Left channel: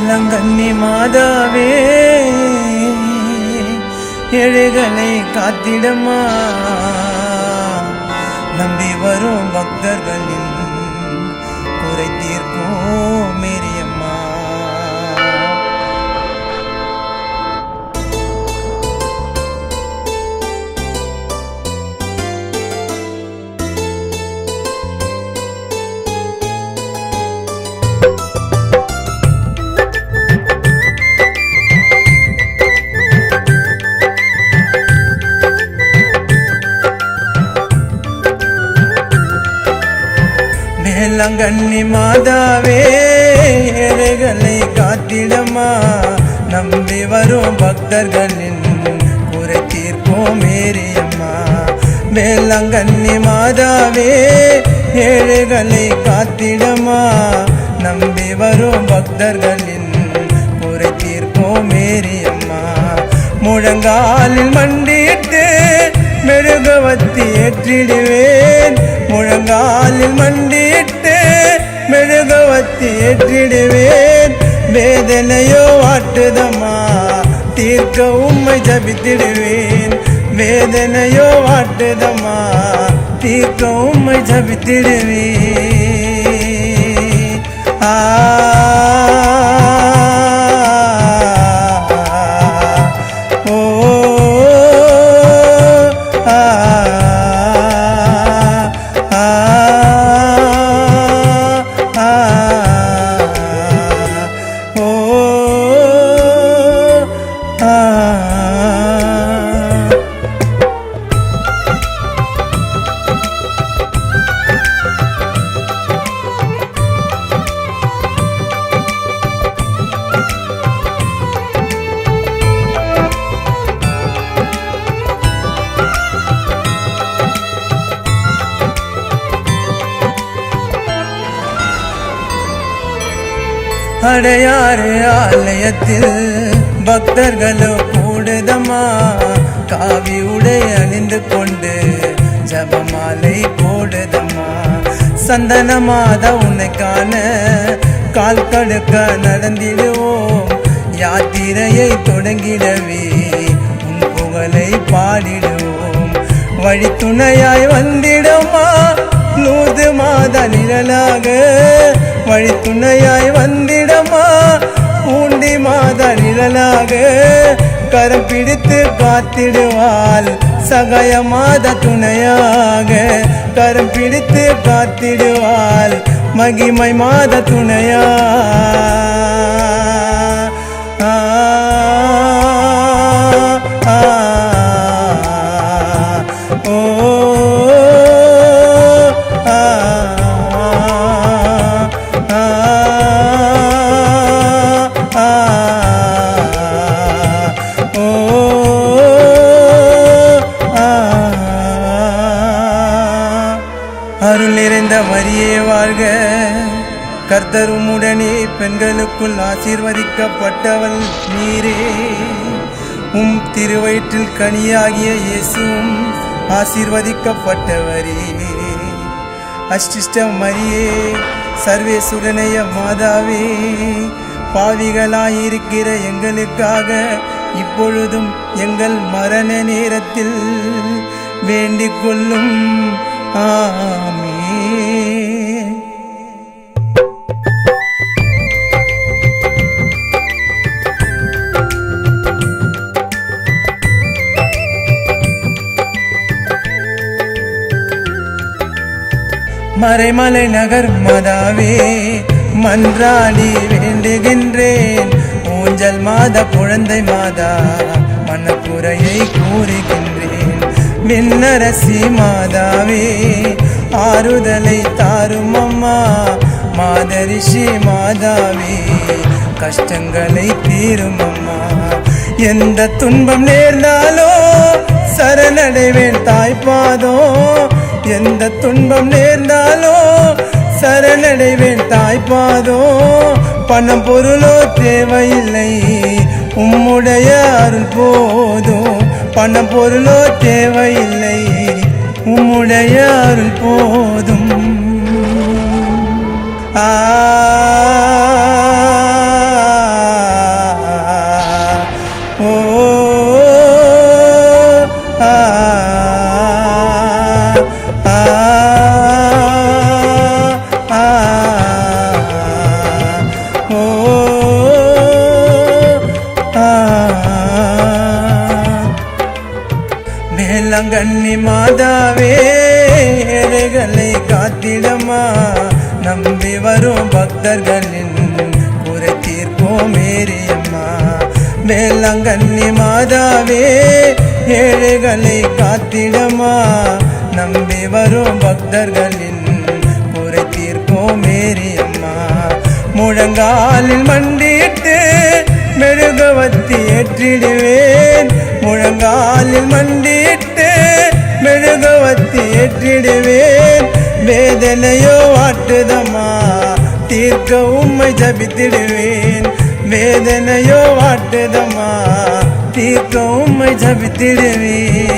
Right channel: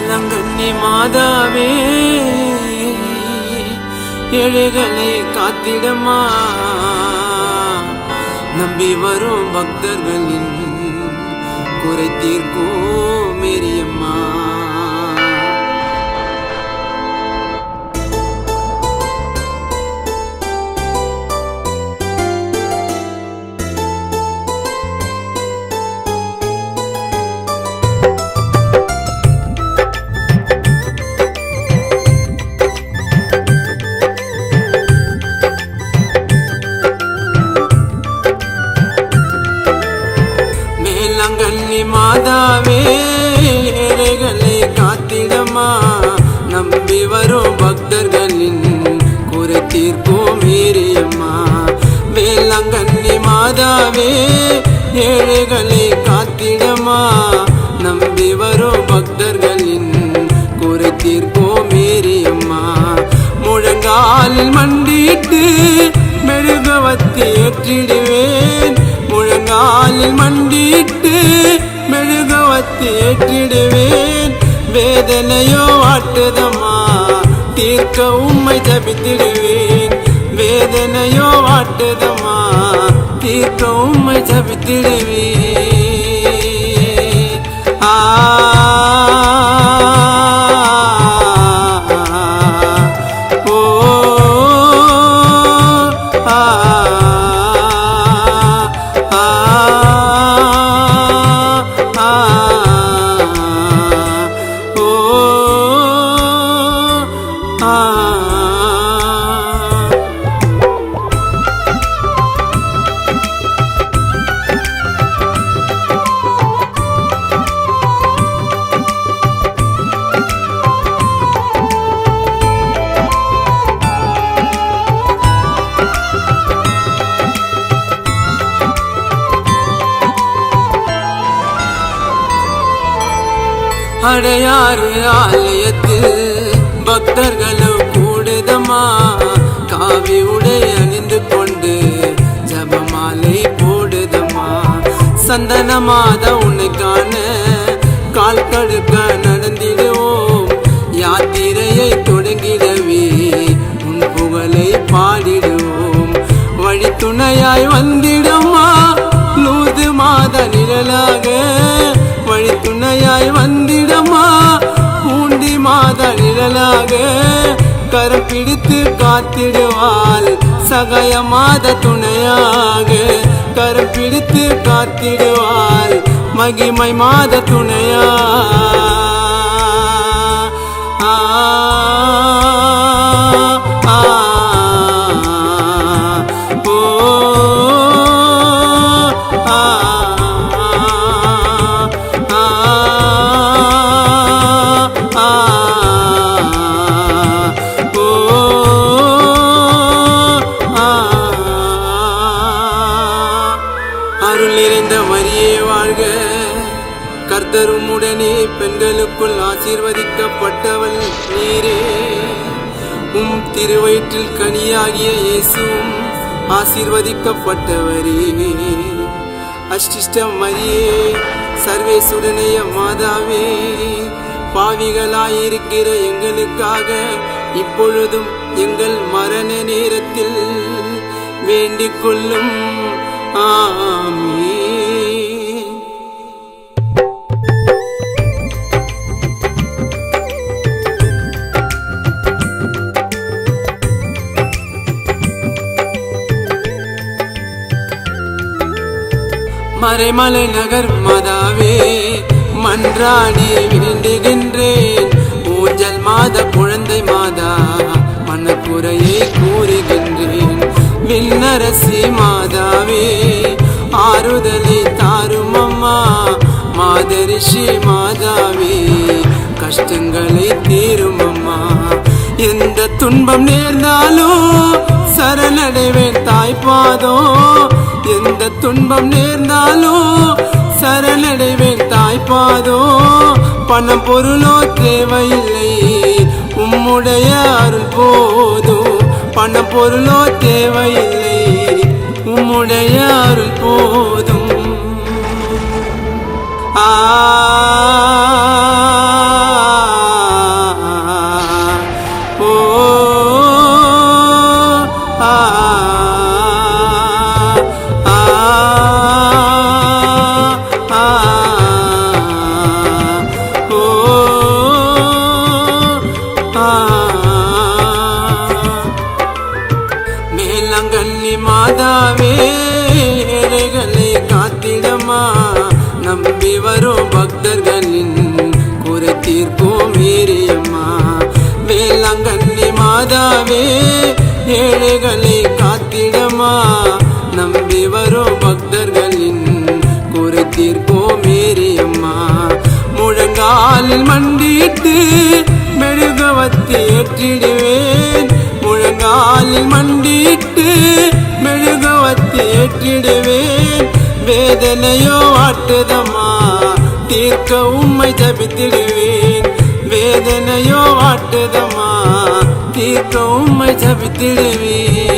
வேளாங்கண்ணி மாதாவே ஏழைகளை காத்திடமா, நம்பி வரும் பக்தர்களின் குறை தீர்க்கும் மேரியம்மா. வேளாங்கண்ணி மாதாவே ஏழைகளை காத்திடமா, நம்பி வரும் பக்தர்களின் குறை தீர்க்கும் மேரியம்மா. வேளாங்கண்ணி மாதாவே ஏழைகளை காத்திடமா, நம்பி வரும் பக்தர்களின் குறை தீர்க்கும் மேரியம்மா. முழங்காலில் மண்டிட்டு மெழுகுவர்த்தி ஏற்றிடுவேன், முழங்காலில் மண்டிட்டு மெழுகுவர்த்தி ஏற்றிடுவேன். வேதனையோ வாட்டுதம்மா, தீர்க்க உம்மை ஜபித்திடுவேன். வேதனையோ வாட்டுதம்மா, தீர்க்க உம்மை ஜபித்திடுவேன். அடையாறு ஆலயத்தில் பக்தர்களோ கூடுதம்மா, காவி உடை அணிந்து கொண்டு ஜபமாலை போடுதம்மா. சந்தன மாதா உன்னை காண கால் கடுக்க நடந்திடுவோம், யாத்திரையை தொடங்கிடவே உன் புகழை பாடிடுவோம். வழி துணையாய் வந்திடம்மா லூது மாதா நிழலாக, வழி துணையாய் வந்திடமா பூண்டி மாதா நிழலாக. கரம் பிடித்து காத்திடுவாள் சகாய மாதா துணையாக, கரம் பிடித்து காத்திடுவாள் மகிமை மாதா துணையா. அருள் நிறைந்த மரியே வாழ்க, கர்த்தர் உம்முடனே பெண்களுக்குள் ஆசீர்வதிக்கப்பட்டவள் நீரே. உம் திருவயிற்றில் கனியாகிய இயேசுவும் ஆசீர்வதிக்கப்பட்டவரே. அஷ்டிஷ்ட மரியே சர்வேசுடனைய மாதாவே, பாவிகளாயிருக்கிற எங்களுக்காக இப்பொழுதும் எங்கள் மரண நேரத்தில் வேண்டிக் கொள்ளும். ஆமென். மறைமலை நகர் மாதாவே மன்றாடி வேண்டுகின்றேன், ஊஞ்சல் மாதா குழந்தை மாதா மனக்குறையை கூறுகின்றேன். விண்ணரசி மாதாவே ஆறுதலை தாரும் அம்மா, மாதரிஷி மாதாவே கஷ்டங்களை தீரும் அம்மா. எந்த துன்பம் நேர்ந்தாலோ சரணடைவேன் தாய்ப்பாதோ, எந்த துன்பம் நேர்ந்தாலோ சரணடைவேன் தாய்ப்பாதோ. பணம் பொருளோ தேவையில்லை, உம்முடைய அருள் போதும். பணம் பொருளோ தேவையில்லை, உம்முடைய அருள் போதும். வேளாங்கண்ணி மாதாவே ஏழைகளை காத்திடமா நம்பி வரும் பக்தர்களின் குறை தீர்ப்போம் மேரியம்மா வேளாங்கண்ணி மாதாவே ஏழைகளை காத்திடமா நம்பி வரும் பக்தர்களின் குறை தீர்ப்போம் மேரியம்மா முழங்காலில் மண்டிட்டு மெழுகுவத்தி ஏற்றிடுவேன் முழங்காலில் மண்டிட்டு மெழுகுவத்தி ஏற்றிடுவேன் வேதனையோ வாட்டுதம்மா தீர்க்க உம்மை ஜபித்திடுவேன் வேதனையோ வாட்டுதம்மா தீர்க்க உம்மை ஜபித்திடுவேன்